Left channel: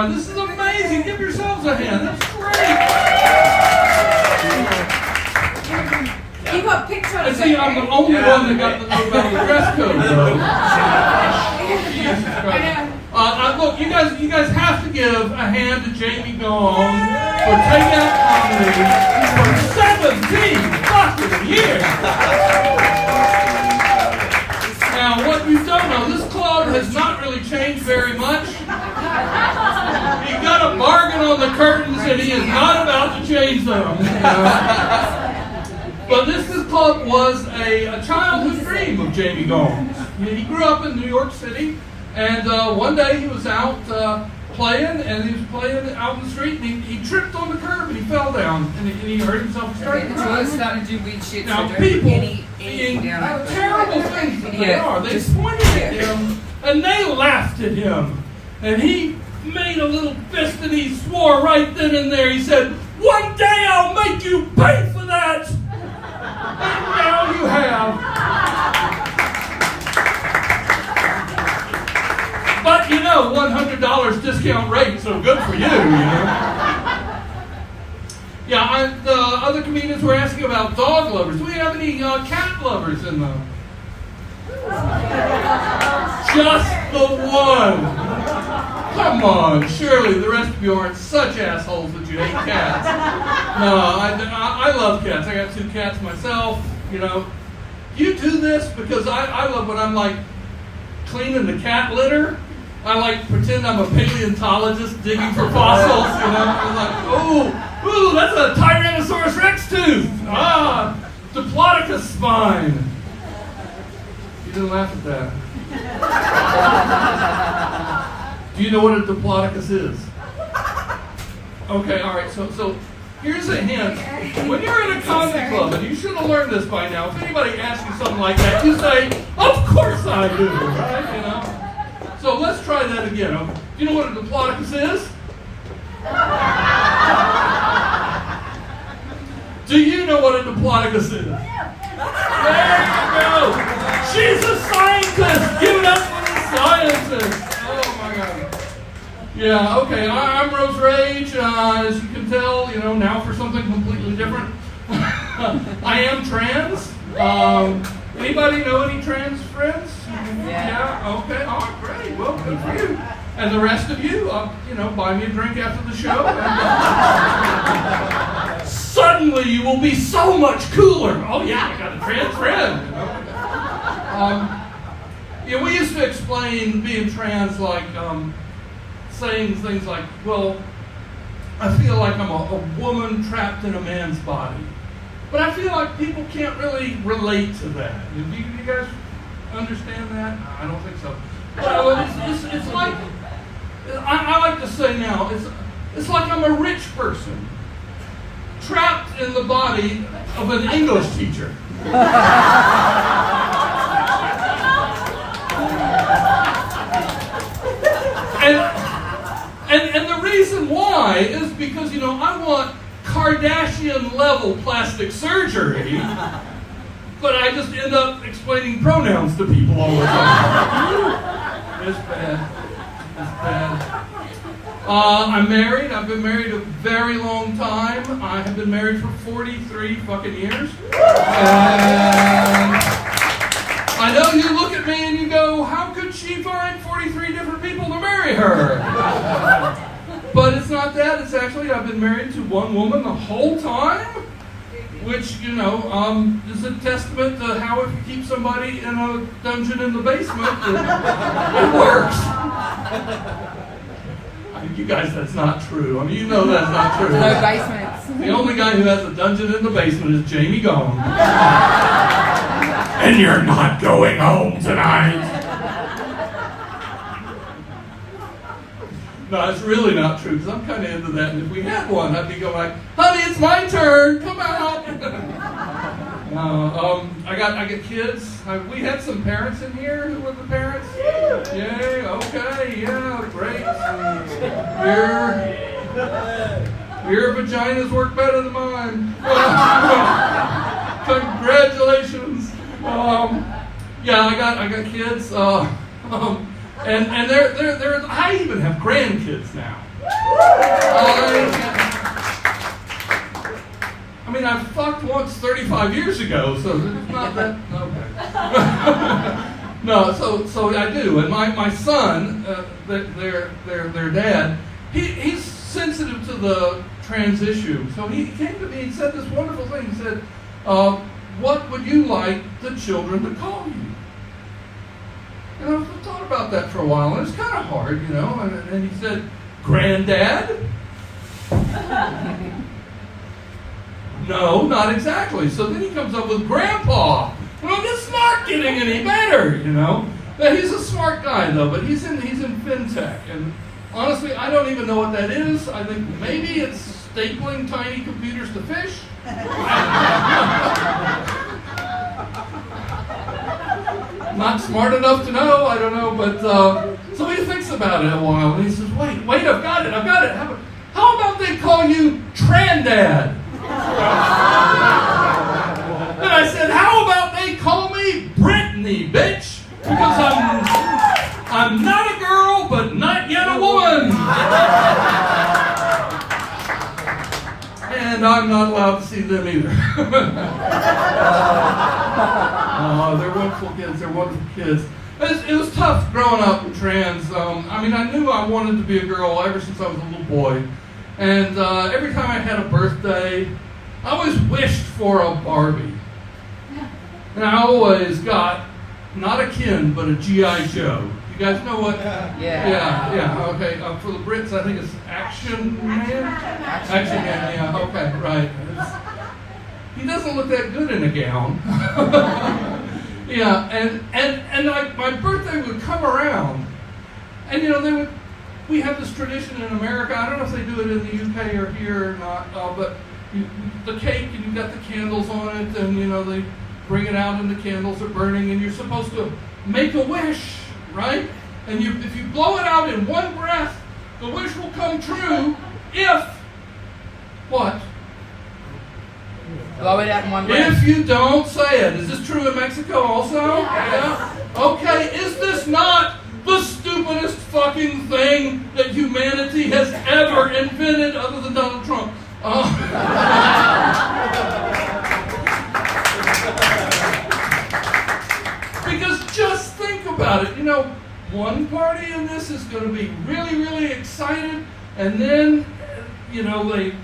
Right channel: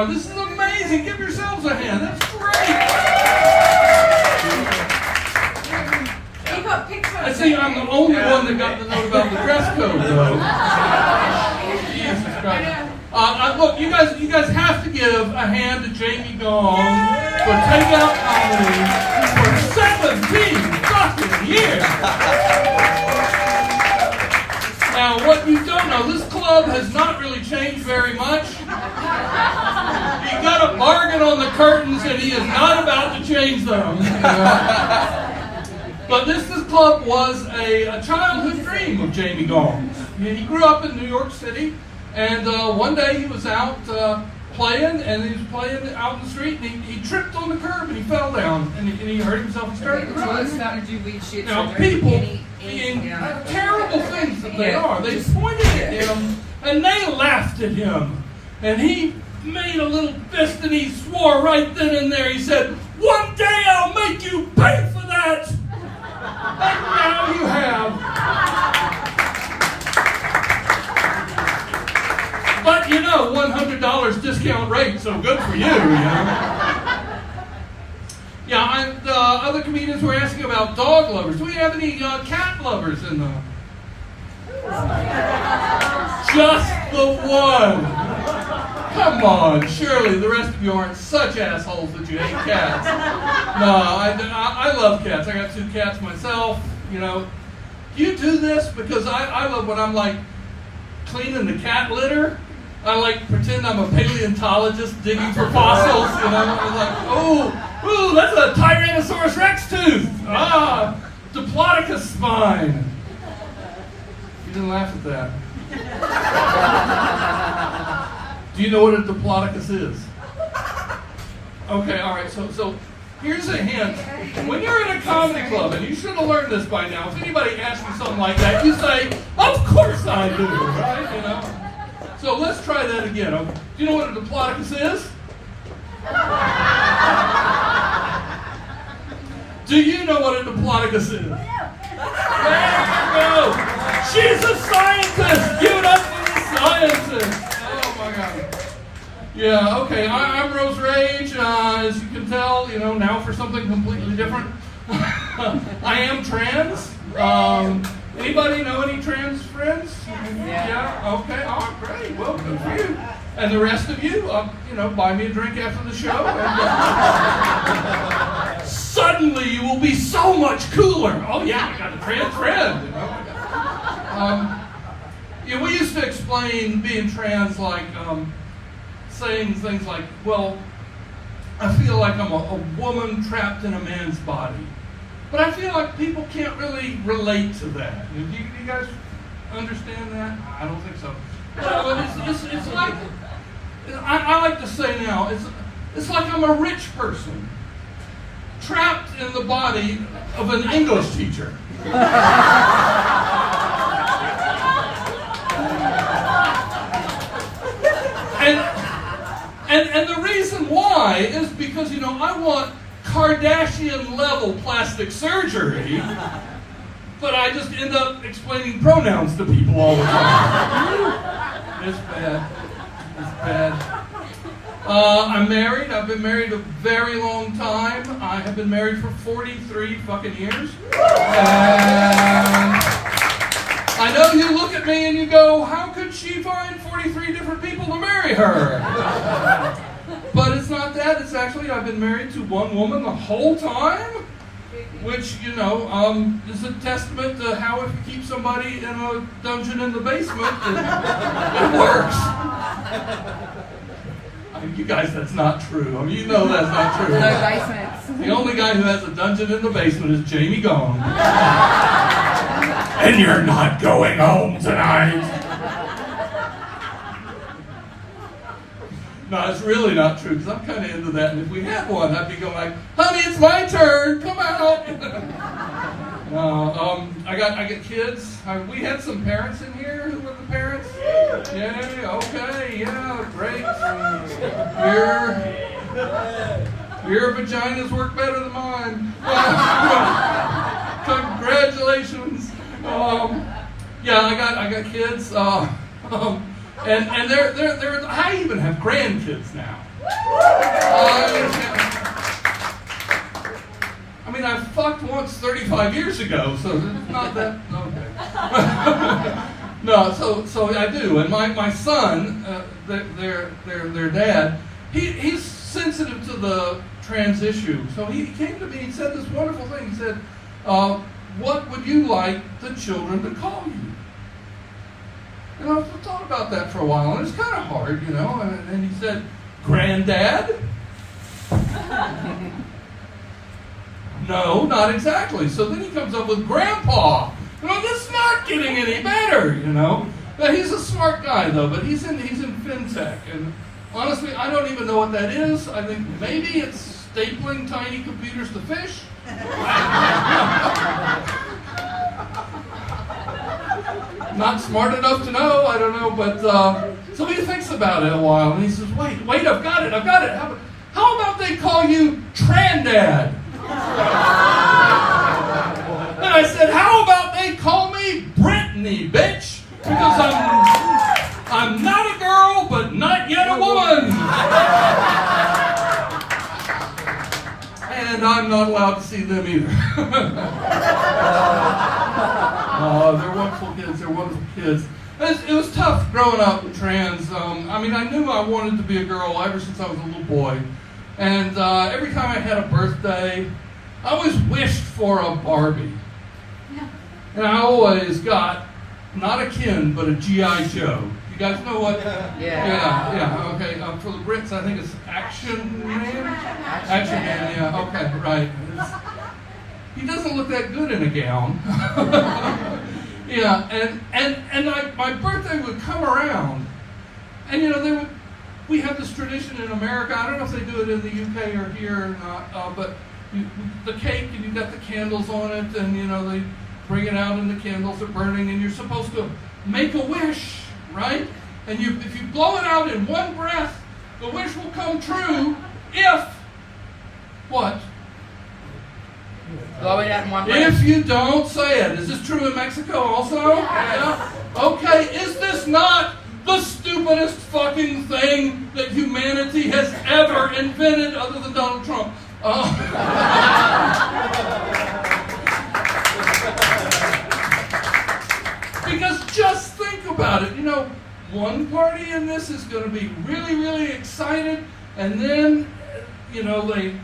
God, this is amazing. Give yourselves a hand. That's great. He got pictures. I see I'm the only one that got the note about the dress code, though. Jesus Christ. Look, you guys have to give a hand to Jamie Gong for TakeOut Comedy for 17 fucking years. Now, what you don't know, this club has not really changed very much. He got a bargain on the curtains, and he is not about to change them. But this club was a childhood dream of Jamie Gong's. He grew up in New York City, and one day he was out playing, and he was playing out in the street, and he tripped on the curb, and he fell down, and he hurt himself. Now, people being terrible things that they are, they pointed at him, and they laughed at him, and he made a little fist, and he swore right then and there. He said, "One day I'll make you pay for that." And now you have. But you know, $100 discount rate, so good for you, you know. Yeah, the other comedians were asking about dog lovers. Do we have any cat lovers in the... Just the one. Come on, surely the rest of you aren't such assholes that you hate cats. No, I love cats. I got 2 cats myself, you know. You do this because I love when I'm like cleaning the cat litter. I like pretend I'm a paleontologist digging for fossils, you know. I'm like, ooh, that's a Tyrannosaurus Rex tooth. Diplodocus spine. You didn't laugh at that. Do you know what a Diplodocus is? Okay, all right. So here's a hint. When you're in a comedy club, and you should have learned this by now, if anybody asks you something like that, you say, "Of course I do," right? You know. So let's try that again. Do you know what a Diplodocus is? Do you know what a Diplodocus is? There you go. She's a scientist. Give it up for the scientist. Oh my God. Yeah. Okay. I'm Rose Rage. As you can tell, you know, now for something completely different. I am trans. Anybody know any trans friends? Yeah. Okay. Oh, great. Well, good for you. And the rest of you, you know, buy me a drink after the show. And, suddenly, you will be so much cooler. Oh yeah, I got a trans friend. You know, we used to explain being trans like saying things like, "Well, I feel like I'm a woman trapped in a man's body." But I feel like people can't really relate to that. Do you guys understand that? I don't think so. Well, it's like, I like to say now, it's like I'm a rich person trapped in the body of an English teacher. And the reason why is because, you know, I want Kardashian-level plastic surgery, but I just end up explaining pronouns to people all the time. It's bad. It's bad. I'm married. I've been married a very long time. I have been married for 43 fucking years. And I know you look at me and you go, "How could she find 43 different people to marry her?" But it's not that. It's actually, I've been married to one woman the whole time, which, you know, is a testament to how if you keep somebody in a dungeon in the basement, it works. I mean, you guys, that's not true. I mean, you know that's not true. No basements. The only guy who has a dungeon in the basement is Jamie Gong. And you're not going home tonight. No, it's really not true, because I'm kind of into that. And if we had one, I'd be going like, "Honey, it's my turn. Come out." I got kids. We had some parents in here. Who were the parents? Yay. Okay. Yeah. Great. Your vaginas work better than mine. Congratulations. Yeah, I got kids. And they're I even have grandkids now. I mean, I fucked once 35 years ago, so it's not that. Okay. No, so I do, and my son, their dad, he's sensitive to the trans issue. So he came to me. He said this wonderful thing. He said, "What would you like the children to call you?" And I thought about that for a while, and it's kind of hard, you know. And he said, "Granddad." No, not exactly. So then he comes up with Grandpa. Well, it's not getting any better, you know. But he's a smart guy, though. But he's in fintech, and honestly, I don't even know what that is. I think maybe it's stapling tiny computers to fish. Not smart enough to know. I don't know, but so he thinks about it a while, and he says, "Wait, I've got it. How about they call you Trandad?" And I said, "How about they call me Brittany, bitch? Because I'm not a girl, but not yet a woman." And I'm not allowed to see them either. They're wonderful kids. It was tough growing up trans. I mean, I knew I wanted to be a girl ever since I was a little boy. And every time I had a birthday, I always wished for a Barbie. And I always got, not a Ken, but a G.I. Joe. You guys know what? Yeah. Okay. For the Brits, I think it's Action Man. Action Man. Yeah. Okay. Right. He doesn't look that good in a gown. Yeah. And like my birthday would come around, and you know we have this tradition in America. I don't know if they do it in the UK or here or not, but the cake, and you've got the candles on it, and you know they bring it out and the candles are burning, and you're supposed to make a wish, right? And if you blow it out in one breath, the wish will come true if what? Blow it out in one breath. If you don't say it. Is this true in Mexico also? Yeah. Okay, is this not the stupidest fucking thing that humanity has ever invented other than Donald Trump? Because just think about it. You know, one party in this is going to be really, really excited, and then, you know, they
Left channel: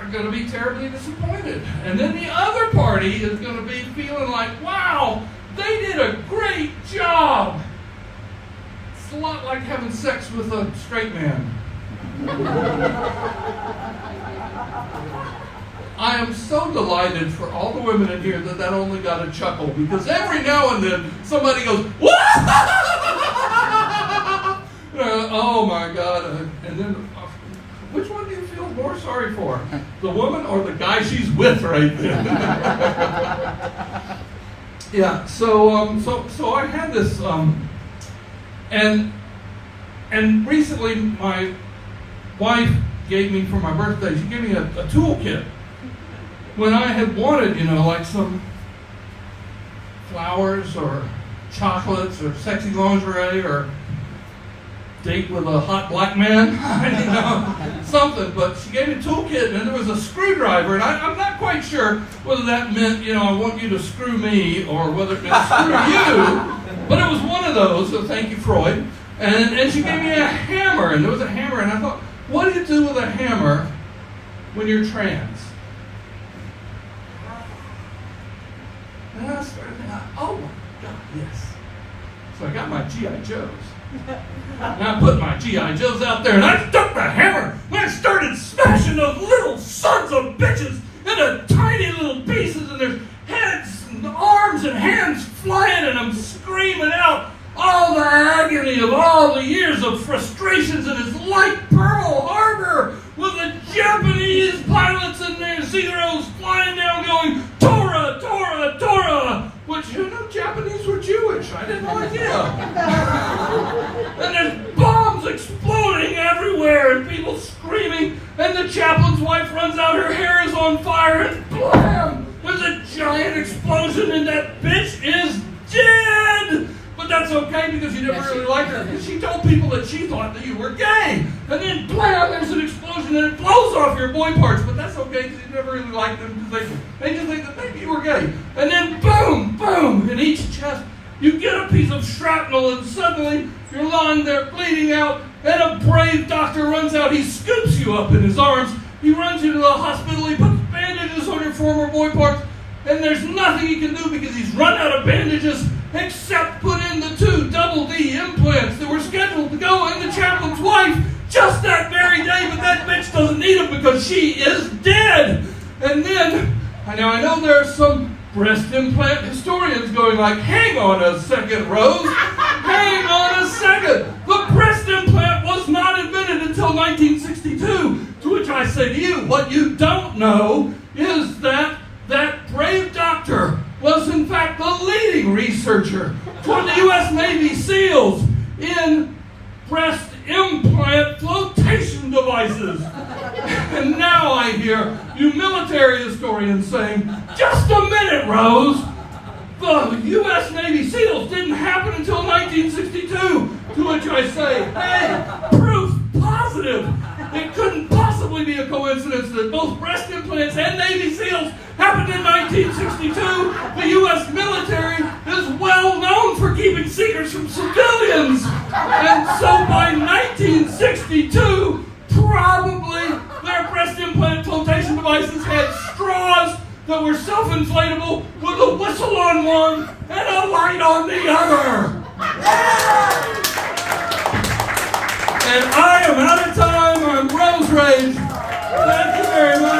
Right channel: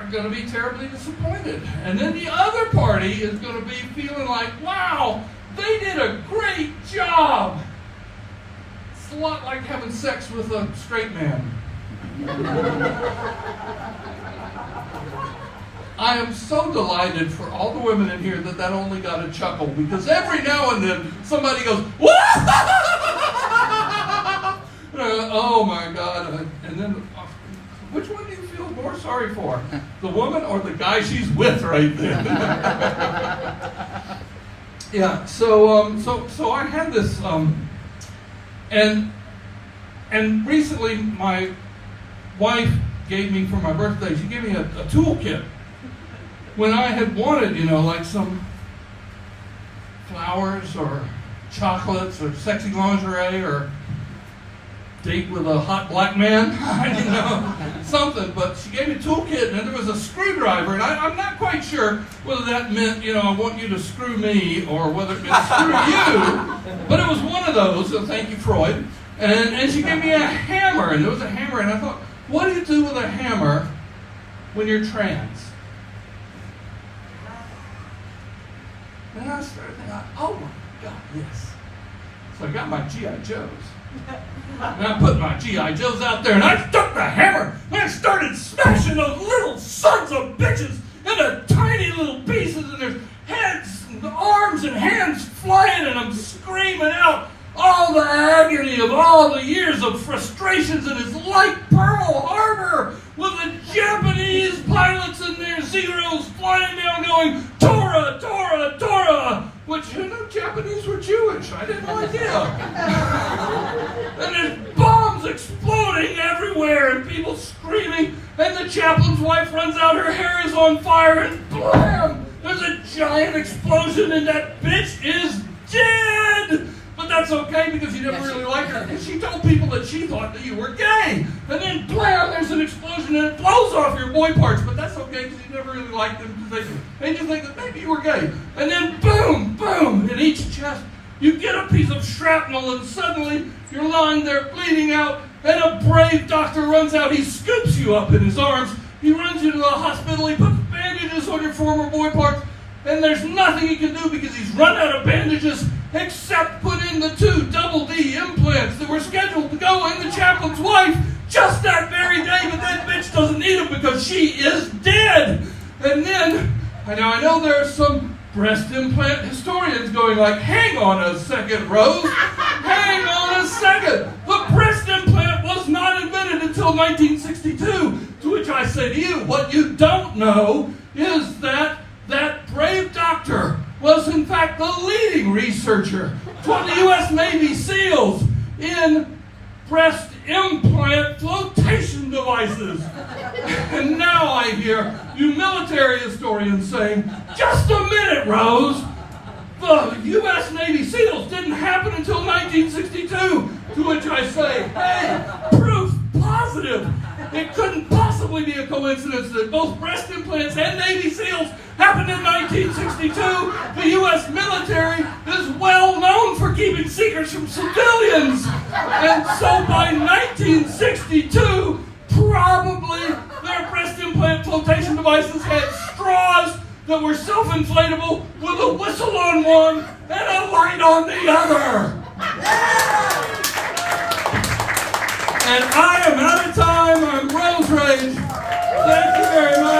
are going to be terribly disappointed. And then the other party is going to be feeling like, wow, they did a great job. It's a lot like having sex with a straight man. I am so delighted for all the women in here that only got a chuckle, because every now and then somebody goes, "What?" Oh my God. And then, which one do you feel more sorry for? The woman or the guy she's with right then? Yeah, so I had this, and recently my wife gave me for my birthday, she gave me a toolkit. When I had wanted, you know, like some flowers or chocolates or sexy lingerie or date with a hot black man, you know, something. But she gave me a toolkit, and there was a screwdriver, and I'm not quite sure whether that meant, you know, I want you to screw me, or whether it meant screw you. But it was one of those, so thank you, Freud. And she gave me a hammer, and there was a hammer, and I thought, what do you do with a hammer when you're trans? And I started thinking, oh my God, yes. So I got my G.I. Joes. And I put my G.I. Joes out there, and I took the hammer, and I started smashing those little sons of bitches into tiny little pieces, and there's heads and arms and hands flying, and I'm screaming out all the agony of all the years of frustrations, and it's like Pearl Harbor with the Japanese pilots and their Zeros flying down going, Tora, Tora, Tora, which, who knew Japanese were Jewish? I had no idea. And there's bombs exploding everywhere and people screaming, and the chaplain's wife runs out, her hair is on fire, and blam! There's a giant explosion, and that bitch is dead! But that's okay because you never really liked her. Because she told people that she thought that you were gay. And then, blam, there's an explosion and it blows off your boy parts. But that's okay because you never really liked them because they just think that maybe you were gay. And then, boom, boom, in each chest, you get a piece of shrapnel and suddenly you're lying there bleeding out and a brave doctor runs out. He scoops you up in his arms. He runs you to the hospital. He puts bandages on your former boy parts. And there's nothing he can do because he's run out of bandages except put in the 2 double D implants that were scheduled to go in the chaplain's wife just that very day, but that bitch doesn't need them because she is dead. And then, I know there are some breast implant historians going like, hang on a second, Rose. Hang on a second. The breast implant was not invented until 1962. To which I say to you, what you don't know is that brave doctor was in fact the leading researcher for the U.S. Navy SEALs in breast implant flotation devices. And now I hear you military historians saying, just a minute, Rose. The U.S. Navy SEALs didn't happen until 1962. To which I say, hey, proof positive. It couldn't possibly be a coincidence that both breast implants and Navy SEAls happened in 1962. The U.S. military is well known for keeping secrets from civilians. And so by 1962, probably their breast implant flotation devices had straws that were self-inflatable with a whistle on one and a light on the other. And I am out of time. I'm Rose Rage. Thank you very much.